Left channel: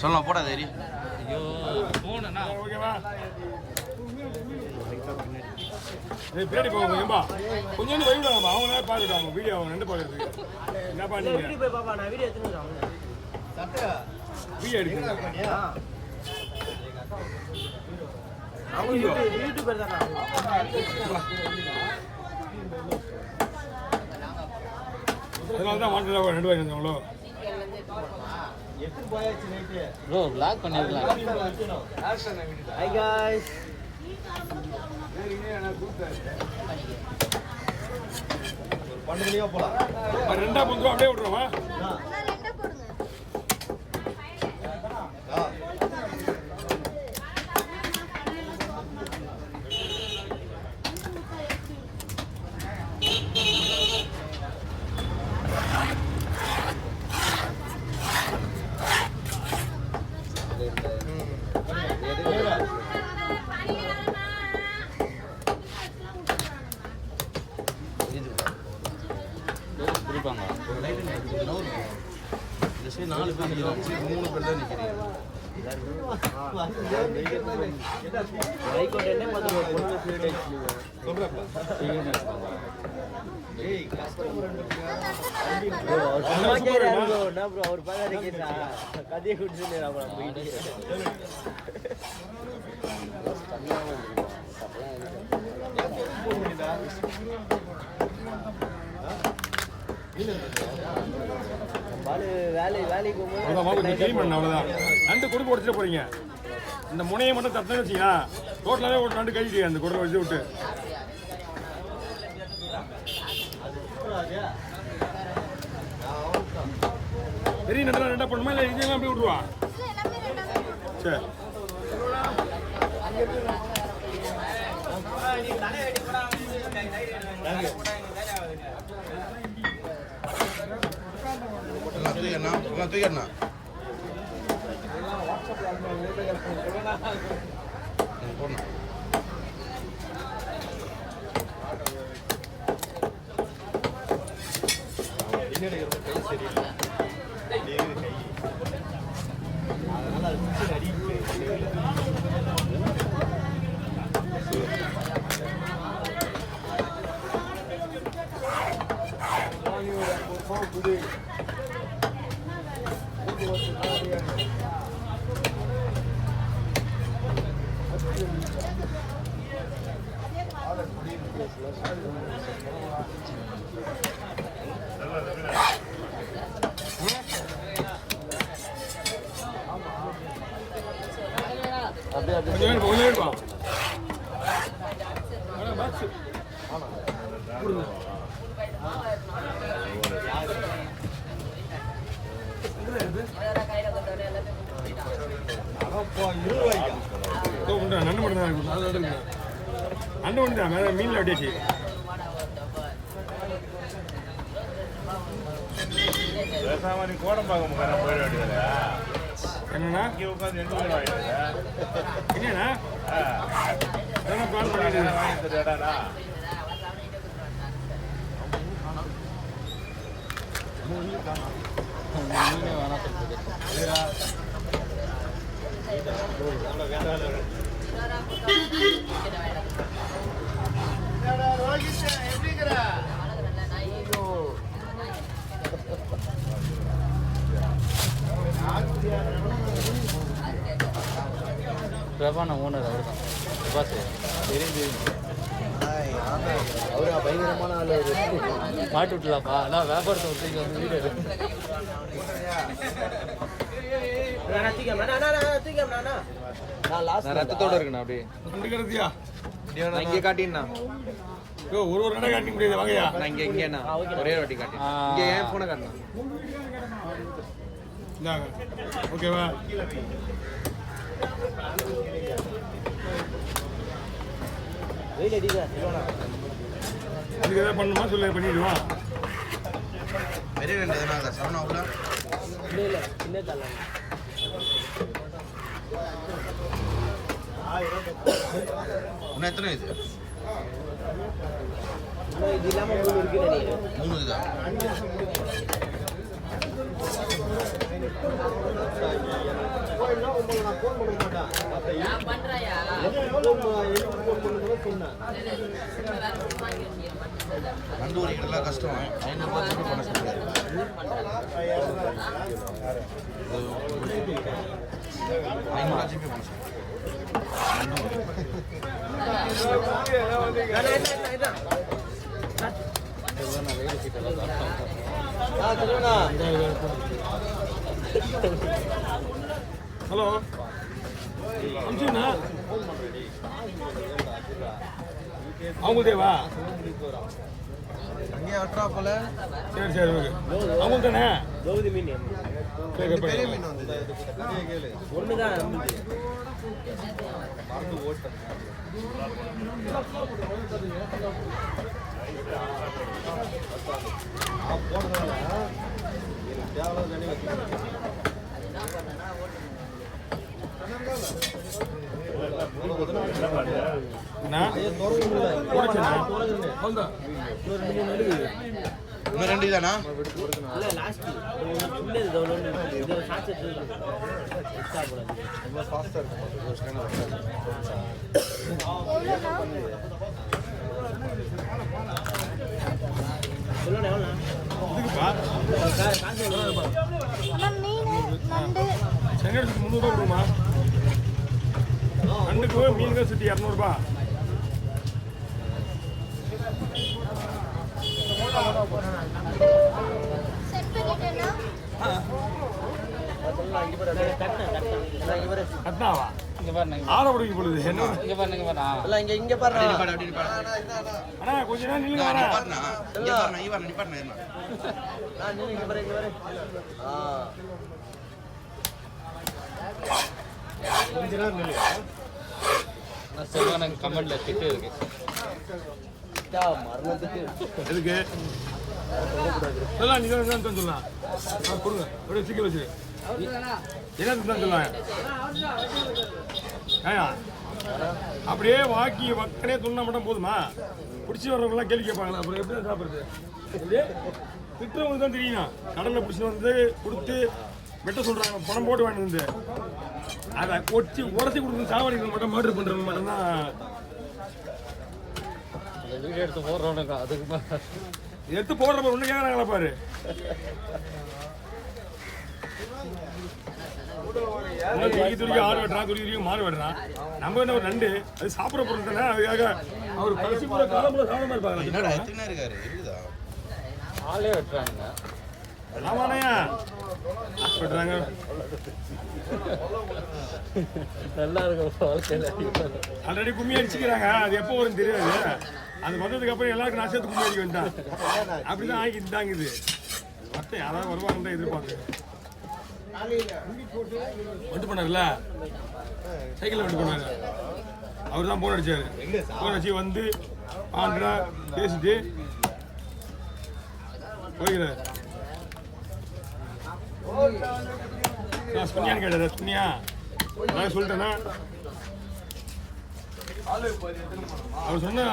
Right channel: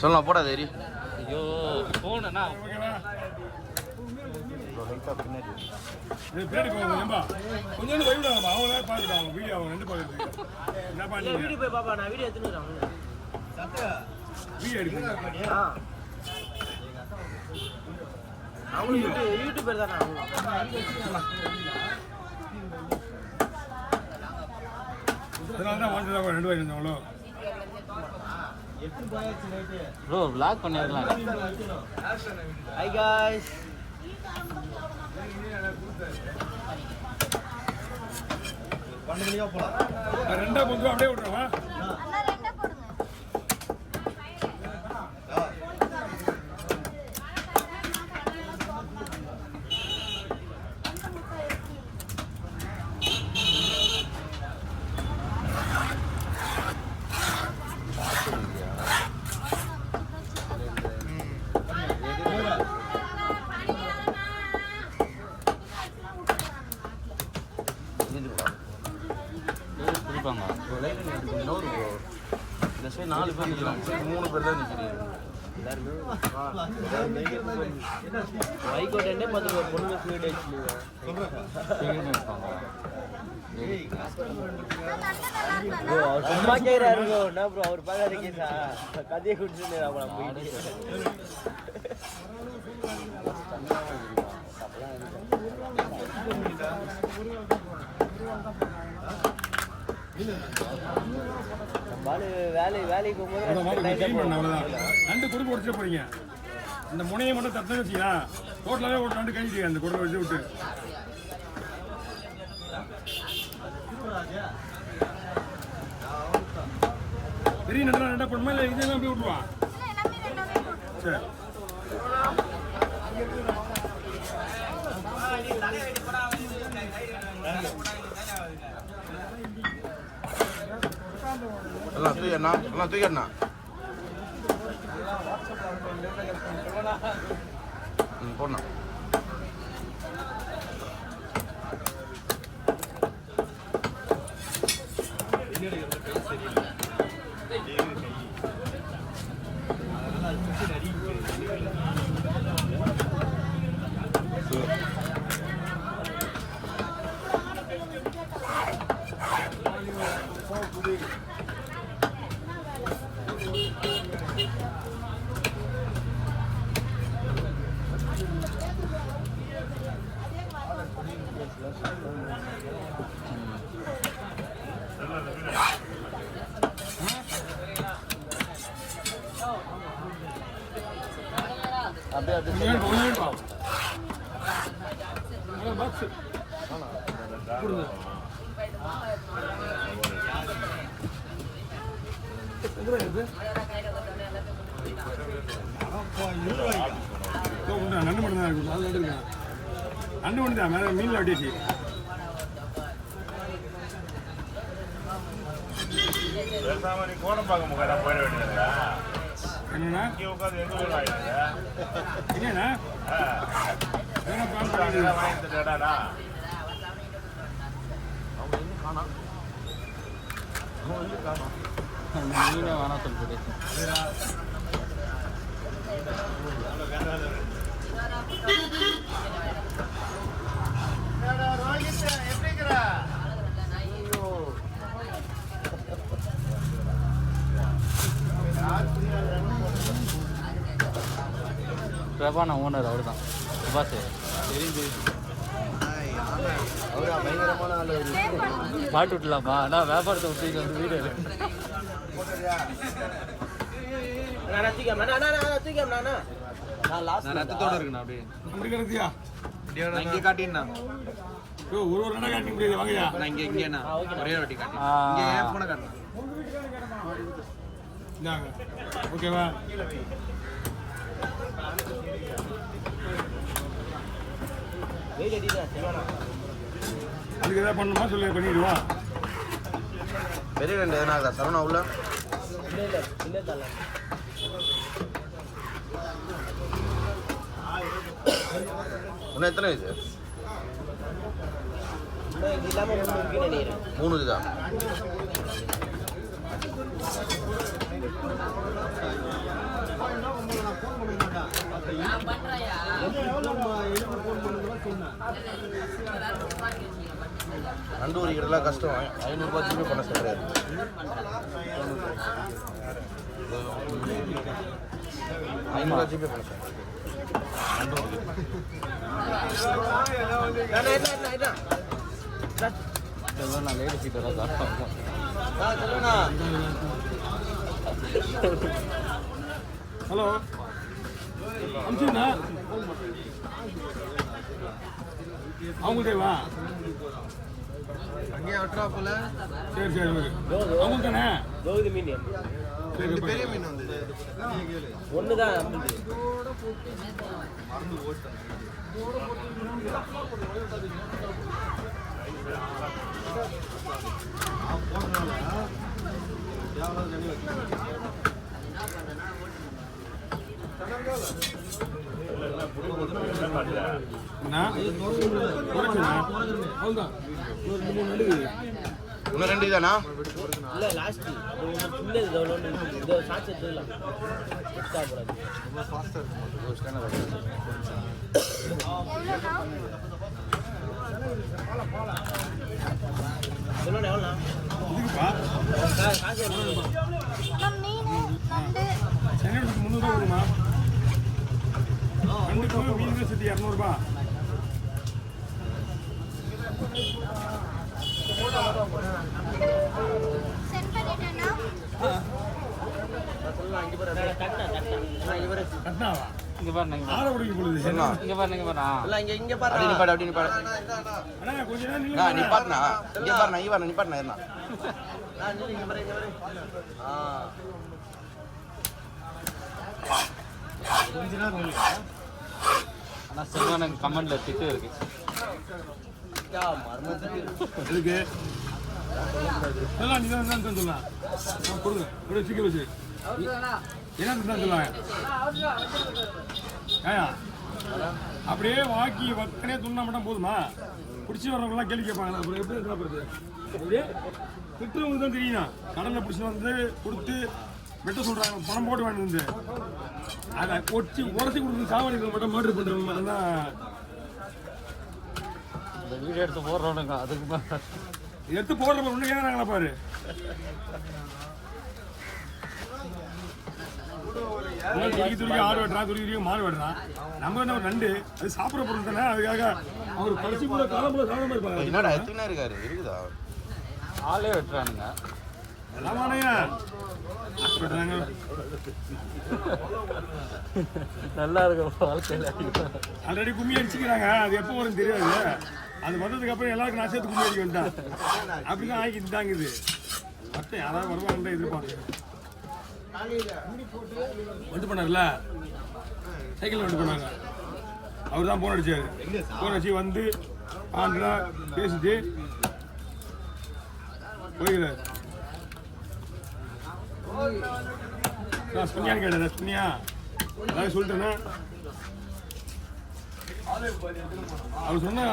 சொல்லலாம் போடா தேரி. ஐயோ போனா ஓகேவா? பின்னாடி போகும்பா கொஞ்சம் போய்விடாமா, அவங்களே பார்த்துட்டாங்க வீடியோ, அவங்க ரெண்டு பார்க்குறதுக்கு என்ன பண்ணீங்க? வீடியோ எடுக்கிறீங்க அதனால தான் வாண்டடா 2 ரூபாய்க்கு வந்தாங்களோ. ப்ரோ லாக் பண்ணிடலாம். Hi guys. பண்டலியா போலாம். ரெண்டா போடுறோம், அப்படியே விட்டுறோமா? அண்ணா ரெண்டா போடுங்க. இந்த சைடு 4 பேர் நிற்கிறாங்க, சரி 3 பேர் தான் நிற்கிறீங்க. அவ்வளோதான் நண்டு கொடுக்க உடச்சிட போறீங்க. இந்த முனையை மட்டும் தத்துன்னு வச்சிங்க, டோட்டலாகவே ஒரு நண்டு கழிச்சு அந்த குடலை வச்சு விட்டு. பெரிய நண்டெல்லாம் ரெண்டா போடணுமா இல்லை இதெல்லாம் அப்படியே விட்டுருவா? சரி எல்லாம் தூக்கண்ணா, எல்லாம் தூக்கண்ணா. போடணும். கொஞ்சம் வேணுப்பா நண்டு மட்டும் தான் நண்டு ஒன்று தான் மேலே மீனில் வெட்டியாச்சு. என்னண்ணா என்னண்ணா பிளான் பண்ணிட்டு மாட்டி விட்டுலாப்பா, அதான் வியாபாரத்துக்கு ரத்தத்தோட இருக்குண்ணா அப்படியே முடிக்கிறதுயா இங்கே காட்டினா ஒரு கடை காட்ட முடியாது. வாங்கயா இங்கேண்ணா ஒரே வாட்டி காட்டு. இங்கே ஏன் போன காட்டு இந்தாங்க. ஓகேவா? அதுக்கு எதாவது பண்ணணுமா சொல்லி பண்ணிடுவா. பெரிய நண்டு எதனா இருக்குதா சரவணா உள்ள? இன்னும் எத்தனை இது? 3 இதுதான். நண்டு உரிக்கிறதுலாம் கஷ்டம். அவங்க பார்த்து பண்ண சொல்லியாது. 500 ஜிபி பண்ண சொல்லியாது. ஹலோ அமிச்சுண்ணா அவங்கள்டேவா? அங்கேயே அட்ரா போல. சரி சரி ஓகே. அவங்க தானே சரி பெரிய மீன் வந்தது. இன்னும் 2 தானா? செங்கடுக்கு 300 கொடுமா. ரெண்டுக்கு மீன் தான் சுற்றி 200 கட்னாவா? ஆளை பிடிக்க போடுது. அண்ணா கொஞ்ச நேரம் நில்லுங்க. நிப்பாட்டினா இங்கே பாருண்ணா நிப்பாட்டினா என்ன கமெண்ட்ல திட்டு இருக்கு. எதுக்கு சொல்லலாம்? நீ தான் சொல்லலாம். கொடுங்க அப்படியே சீக்கிரம் வச்சு என்ன தான் சொல்லலாம். ஏயா அப்படியே வாக்கி வக்கனே துண்ணா மட்டும் போதுமா? பிடிச்சி வர்றவங்கலாம் கேள்வி கேட்பாங்களா? அப்புறம் எப்படி சாப்பிட்றது? அப்படியே திட்டுறவங்களுக்கு தான் தெரியும். கடலில் பிடிச்சிட்டு வந்து கொடுத்து வெட்ட சொல்கிறாங்க, பணம் போட்டு வாங்கிட்டு வந்து அதை உடச்சி கொடுத்து சாவடிகள் மட்டும் மர்டர் பண்ணுறது மாதிரிதான் எடுத்து போடுறப்ப ஒன்று கேட்குறாங்களா பாரு. துடிக்க ஆடு வெட்டுறான், துடிக்க மாடு வெட்டுறான். நம்ம என்ன நண்டு அது சாப்பிட்ற பொருள் தானே. அதுக்காக அவர் கடைசி கூட காலம்புல சாப்பிட இருப்பாங்க. என்னடா எத்தனை இருக்காரு இருக்குதா? ஆளே வெட்டுறாங்க. ஆமாண்ணா வெட்டுறாங்க. நல்லா இருக்கும். ஆல்ரெடி கும்மி அடிச்சுக்கிறாங்க. அது எப்போ வரும் தெரியாது. அது வந்ததுக்கு அப்புறம் எல்லாருக்கும் நான் சேர்த்து கும்மி அடிக்க வந்தான். அப்படிதான் ஆகிட்டு தாங்குது. மற்ற யாராவது வருவாங்க எதிர்பார்க்க வந்து பண்ணார்ல சைக்கிள் வந்து பண்ணாங்க. அவர் தான் போன் அடிச்சாரு. போன் அடிச்சு வந்து ஆண்டா பேசிட்டு போய்கிறார். சுனியான்னு கேட்டார். சுனியா அதாவது சொல்லிட்டேன்னா அவர் சொன்ன